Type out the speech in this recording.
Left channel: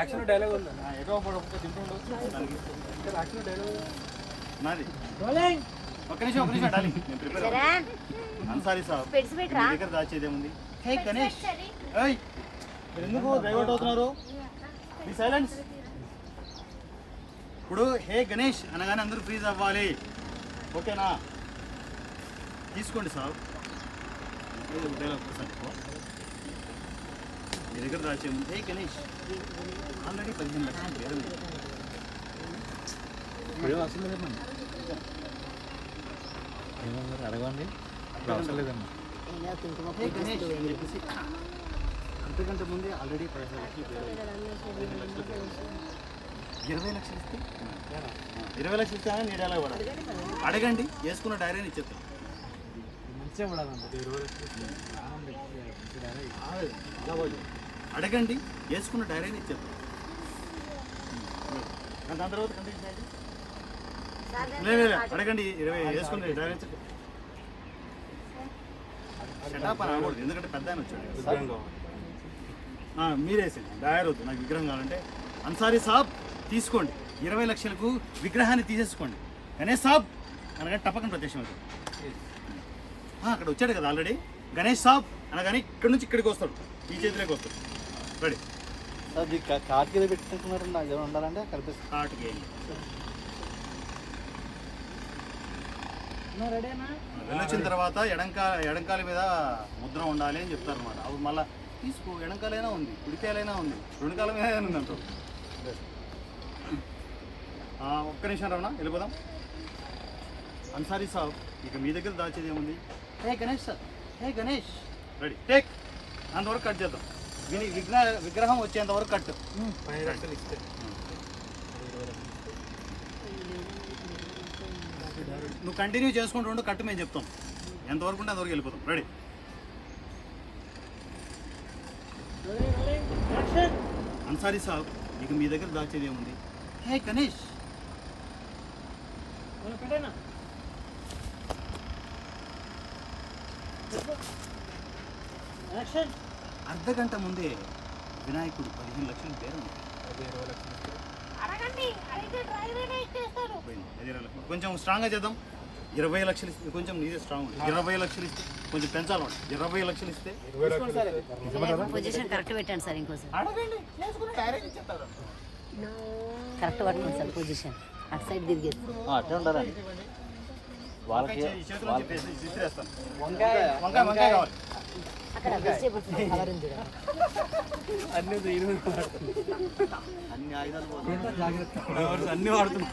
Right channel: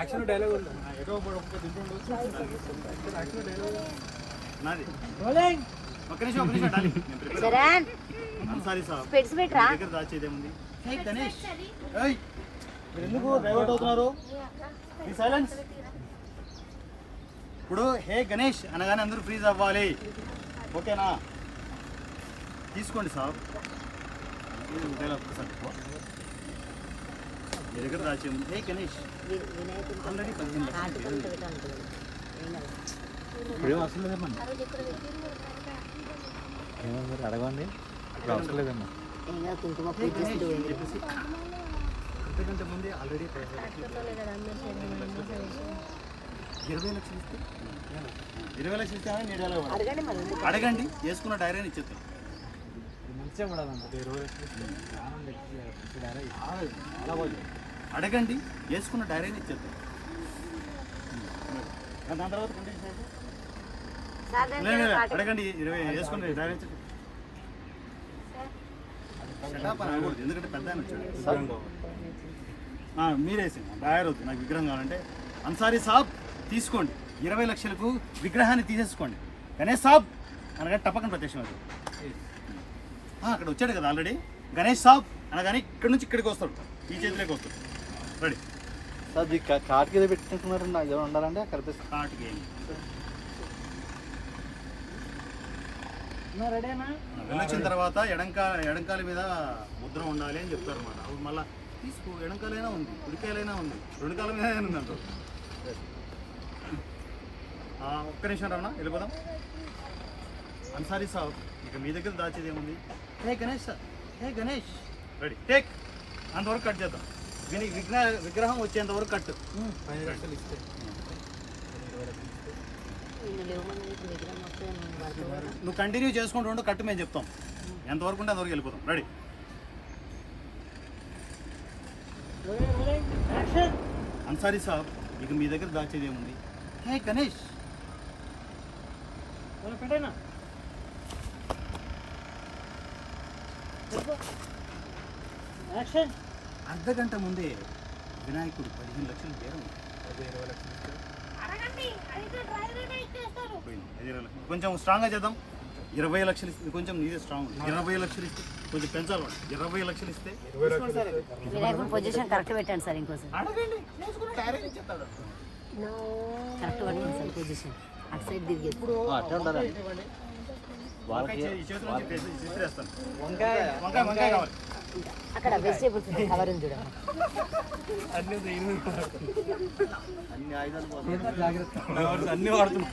Action dialogue ఉంది. నాది. Rolling ఒక్క నిమిషం, ఒక్క నిమిషం, సరే. Sorry sir. స్పెట్స్ మీ పెట్టరా దగ్గర దాచేదేముంది హే గణేష్ ఏయ్ ఎందుకు డైవర్ట్ అవుతున్నారు? మీ సైలెన్స్ ఇప్పుడు హే గణేష్ అనగానే అందరూ ఫ్రీజ్ అవ్వాలి. ఓకేనా? తీసుకోండి సార్. ఏది డైలాగ్ ఎక్కువ. మీ దగ్గర దాచేముంది హే గణేష్ ఆల్రెడీ పదిహేను లక్షలు పేరు ఉంది. ఇప్పుడేం వస్తుంది మరి మనకి? ఏమో మరి అడగండి. ఇప్పుడు అవసరం లేదమ్మా. చెప్పేసి అంతకంటే ముందే ఆల్రెడీ. ఇరవై లక్షలు ఇస్తే? ఇరవై లక్షలు ఇస్తే నేను ఎలా అడగండి వేసుకున్న డైరీని ఇచ్చేస్తాను. అడగండి వేసుకున్న డైరీని ఇచ్చేస్తాం దాని తర్వాత కంటిన్యూ లేదు, అడగండి ఇరవై వేసుకున్న డైరీ షటాప్ అని అనకూడదు ఎందుకంటే పెద్ద ఆయన వచ్చాడు. ఆ, మీరేసింది డయర్ వద్దు నాకు విగ్రహం కావాలంటే. అన్సారీ సాబ్ తీసుకోండి. ఇరవై లక్షలకు విగ్రహాన్ని తీసేసుకోండి. గణేష్ సాబ్ అనగా టపకం ప్రత్యక్షం అవుతాడు ఆ, అక్కడ వచ్చాడు కదా ఆల్రెడీ. గణేష్ సాబ్ అనగానే ఇక్కడి నుంచి ఇక్కడికి వస్తాడు. ఈ చేతిలోకి వస్తాడు. రెడీ. అది కింద పెట్టుకుంటున్నారు నాకు ఏమైనా ఉండాలంటే స్టార్ట్ గేమ్ వెళ్ళొచ్చిన తర్వాత ఎడంకా ఎడంకాల మీద ముద్ర ఉండాలి అని చెప్తారు అన్నమాట అప్పుడు మళ్ళీ తీసుకో ఎడంకాలైనా ఉంది కుడికాయలైనా ఉంది రెండు కాలం మీద ఉంది ఆ, ఒక్క నిమిషం రావనా వెళ్ళిపోదాం. అన్సారీ సాబ్ ఇక మీ దగ్గర దాచేది ఏముంది? Hey Ganesh sir hey Ganesh ready take అంతవరకు కట్ చేద్దాం. విని విగ్రహ విగ్రహం వచ్చేంత వరకు కట్ పది లక్షలు ఇస్తే. ఇరవై లక్షలు ఇస్తే. నువ్వు కంటిన్యూ చేసుకుంటూ ఉండు కట్టు మేము చెప్తాం. ఎంతవరకు ఉంటే అంతవరకు వెళ్ళిపోతాం. రెడీ అన్సారీ సాబ్ ఇక మీ దగ్గర దాచేది ఏముంది? హే గణేష్ అర్ధ గంట ముందే వినాయకుడు పదిహేను లక్షలు బేరం. అది ఇరవై లక్షలు అది ఇరవై లక్షలు. కొంచెం స్ట్రాంగ్గా చేద్దాం. ఇరవై లక్షలు ఇస్తే కొంచెం నీదే స్ట్రాంగ్ ఇరవై లక్షలు ఇస్తే కొంచెం పెంచాలి. ఇరవై లక్షలు ఇస్తే పొజిషన్ కరెక్ట్ పెట్టండి సార్. ఇంకోసారి కరెక్ట్ పట్టండి సార్ పొజిషన్ అటు సైడ్ తిరిగి. వాళ్ళకి. వంకాయ వంకాయ వంకాయ అన్ని ఆయుధాలు అన్ని వాడుతున్నాం